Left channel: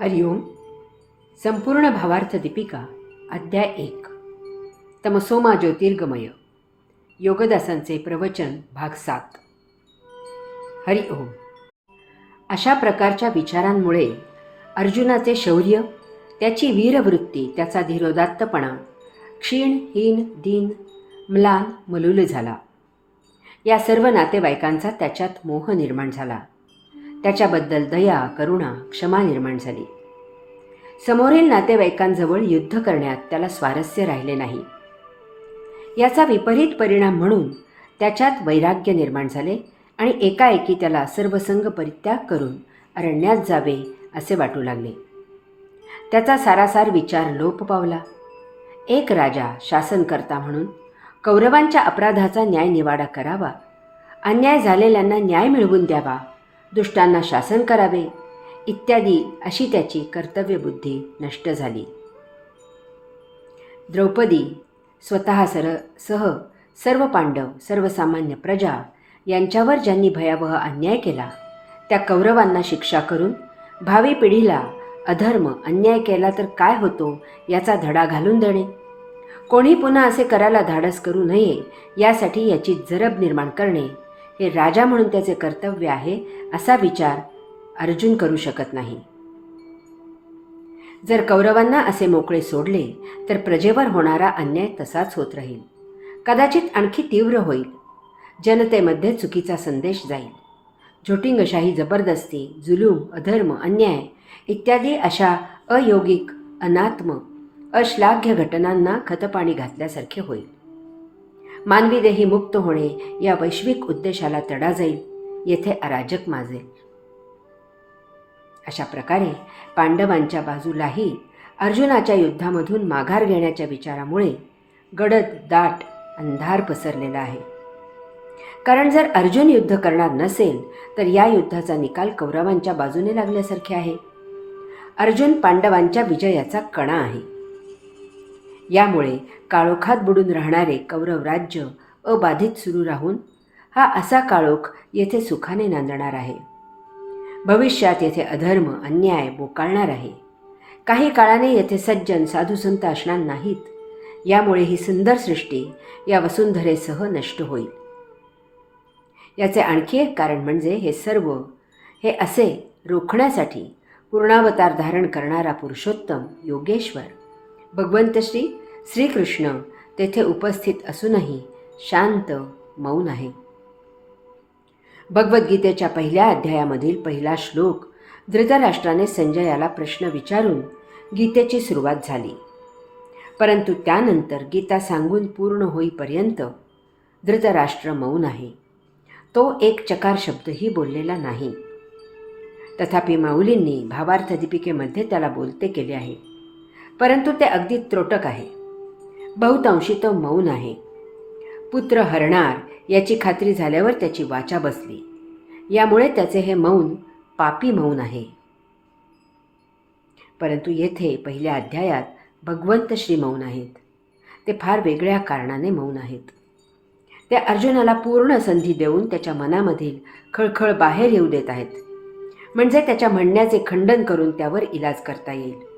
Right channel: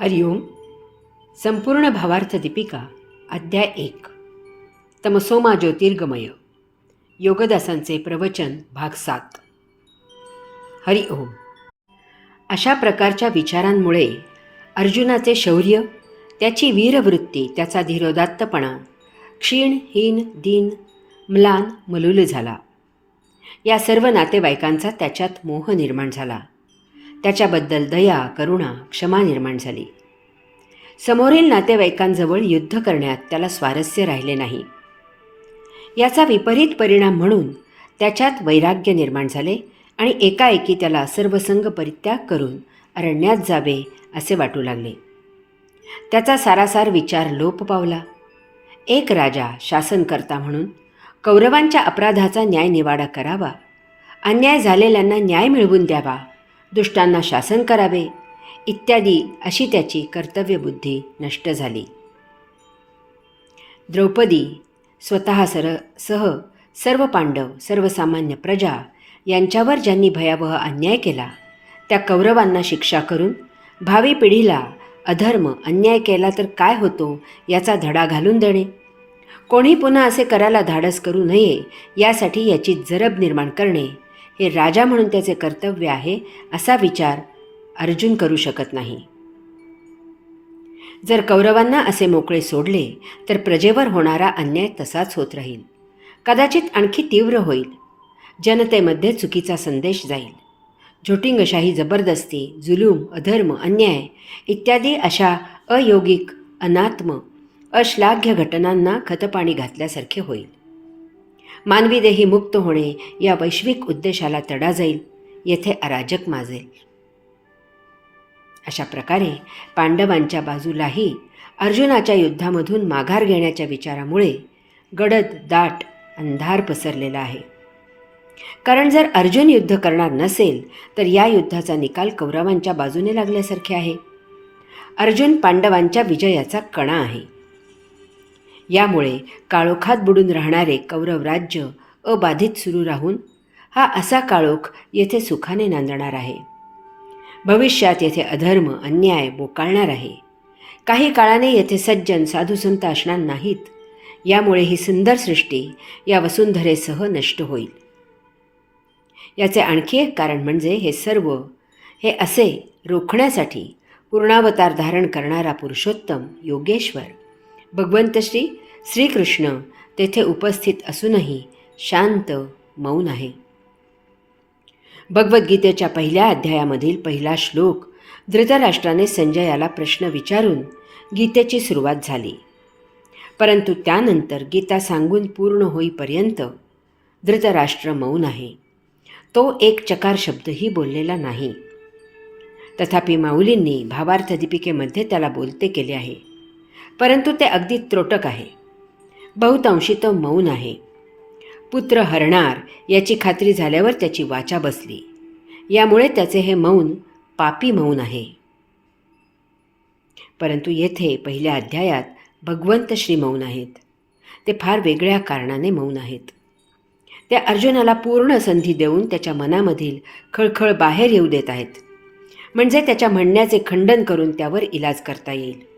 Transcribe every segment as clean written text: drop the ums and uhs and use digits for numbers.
हरिओम. संपूर्ण भावार्थ दीपिका अध्याय 1. तमसोमा ज्योतिर्गमय. योगदासांचे प्रवचन भाग 7. हरिओम. अशा प्रकारच्या विचारांमुळे अर्जुनाचे शौर्य, त्याची वीरवृत्ती, त्याचा धीरोदात्तपणा क्षीण, हीन, दीन, म्लान, मलूल झाला. या सर्व नातेवाईकांचा त्याच्यात मोह निर्माण झाला. त्याच्याबद्दल दया, करुणा, क्षमा निर्माण झाली. समोरील नातेवाईकांजवळ युद्ध करण्यात त्याला स्वारस्य राहिले नाही. याचा विपरीत परिणाम म्हणून त्याच्यात वैराग्य निर्माण झाले आणि एकाएकी त्याला सर्वसंग परित्याग करून अरण्यात जावे असे वाटू लागले. त्याचा सारासार विचार लोप पावला. एक राजा शासनकर्ता म्हणून कौरवांच्या अपराधाचा न्यायनिवाडा करावा, अन्याय झालेल्यांना न्याय मिळवून द्यावा, दुष्टांना शासन करावे इत्यादी अशी त्याची कर्तव्यबुद्धी नष्ट झाली. द्रौपदी स्वतः सह सर्व पांडव, सर्वसामान्य प्रजा यांच्यावर ज्यांनी भयावह अन्याय केला त्या कौरवांना शिक्षा करून भावी पिढीला अधर्म, अन्याय केला तर काय होतो याचा धडा घालून देणे, कोणी पुन्हा असे करायला धाडस करू नये यासाठी याची जरब निर्माण करणे हे राजा म्हणून त्याचे कर्तव्य आहे असा विचार अर्जुन करू शकत नाही. जर कौरवांना असे मोकळे सोडले तर प्रजेवर होणारा अन्याय तसाच होत राहील, कदाचित आणखी तीव्र होईल. जनतेमध्ये चुकीचा संदेश जाईल. झोटिंगशाही, जबरदस्ती, जुलूम, अधर्म, अन्याय इत्यादी अशा अयोगिक, अनात्म, अश्लाघ्य घटनांना खतपाणी घातल्यासारखे होईल. मानवी देही मुक्त होणे या वैश्विक उद्देशाला तडा जाईल. येथे अराजक माजेल. अशा प्रकारे पांडवांच्या बाजूलाही अर्जुनाच्या युद्धामधून माघार घेण्याच्या विचारामुळे गडद दाट अंधार पसरलेला आहे. कारण जर अर्जुन युद्ध करणार नसेल तर या युद्धाचा निकाल कौरवांच्या बाजूने लागल्यासारखे आहे. अर्जुन पांडवांच्या विजयाचा कणा आहे. यामुळे काळोखात बुडून राहणारे कौरव राज्य अबाधित सुरू राहून हा असा काळोख येथे सुखाने नांदणार आहे. भविष्यात येथे अधर्म, अन्याय बोकाळणार आहे. काही काळाने येथे सज्जन, साधुसंत असणार नाहीत. यामुळे ही सुंदर सृष्टी या वसुंधरेसह नष्ट होईल. याचे आणखी एक कारण म्हणजे हे असे रोखण्यासाठी पूर्णावतार धारण करणारा पुरुषोत्तम योगेश्वर भगवंत श्रीकृष्ण तेथे उपस्थित असूनही शांत, मौन आहे. भगवद्गीतेच्या पहिल्या अध्यायामधील पहिला श्लोक धृतराष्ट्राने संजयाला प्रश्न विचारून गीतेची सुरुवात झाली. परंतु त्यानंतर गीता सांगून पूर्ण होईपर्यंत धृतराष्ट्र मौन आहे. तो एक चकार शब्दही बोललेला नाही. तथापि माऊलींनी भावार्थ दीपिकेमध्ये त्याला बोलते केले आहे. परंतु ते अगदी त्रोटक आहे. बहुतांशी तो मौन आहे. पुत्र हरणार याची खात्री झाल्यावर त्याची वाचा बसली. यामुळे त्याचे हे मौन पापी मौन आहे. परंतु येथे पहिल्या अध्यायात भगवंत श्री मौन आहेत. ते फार वेगळ्या कारणाने मौन आहेत. ते अर्जुनाला पूर्ण संधी देऊन त्याच्या मनामधील खळखळ बाहेर येऊ देत आहेत. म्हणजे त्याच्या म्हणण्याचे खंडन करून त्यावर इलाज करता येईल.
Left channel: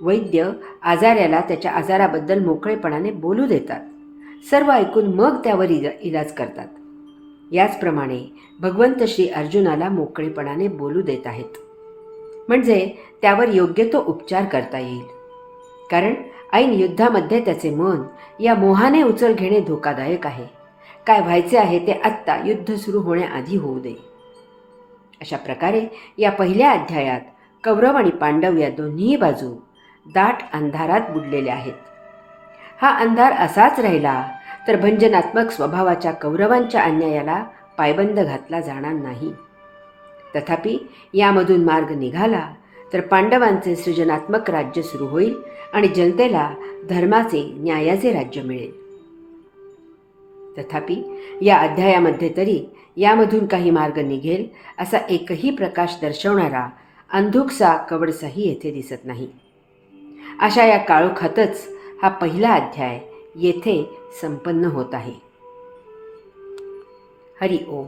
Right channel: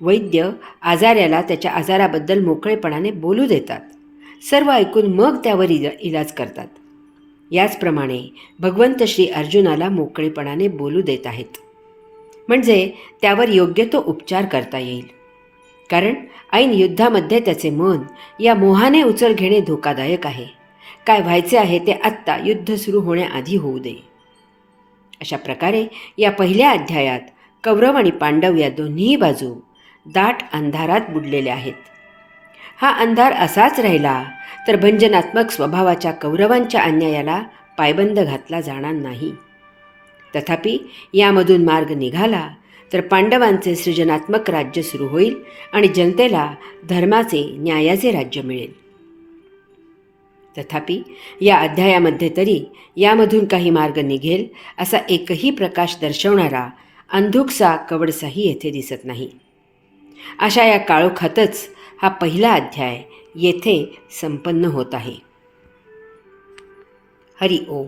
वैद्य आजाऱ्याला त्याच्या आजाराबद्दल मोकळेपणाने बोलू देतात. सर्व ऐकून मग त्यावर इलाज करतात. याचप्रमाणे भगवंत श्री अर्जुनाला मोकळेपणाने बोलू देत आहेत. म्हणजे त्यावर योग्य तो उपचार करता येईल. कारण ऐन युद्धामध्ये त्याचे मन या मोहाने उचल घेणे धोकादायक आहे. काय व्हायचे आहे ते आत्ता युद्ध सुरू होण्याआधी होऊ दे. अशा प्रकारे या पहिल्या अध्यायात कौरव आणि पांडव या दोन्ही बाजू दाट अंधारात बुडलेल्या आहेत. हा अंधार असाच राहिला तर भंजनात्मक स्वभावाच्या कौरवांच्या अन्यायाला पायबंद घातला जाणार नाही. तथापि यामधून मार्ग निघाला तर पांडवांचे सृजनात्मक राज्य सुरू होईल आणि जनतेला धर्माचे, न्यायाचे राज्य मिळेल. तथापि या अध्यायामध्ये तरी यामधून काही मार्ग निघेल असा एकही प्रकाश दर्शवणारा अंधुकसा, कवडसाही येथे दिसत नाही. अशा या काळोखातच हा पहिला अध्याय येथे संपन्न होत आहे. हरि ओम.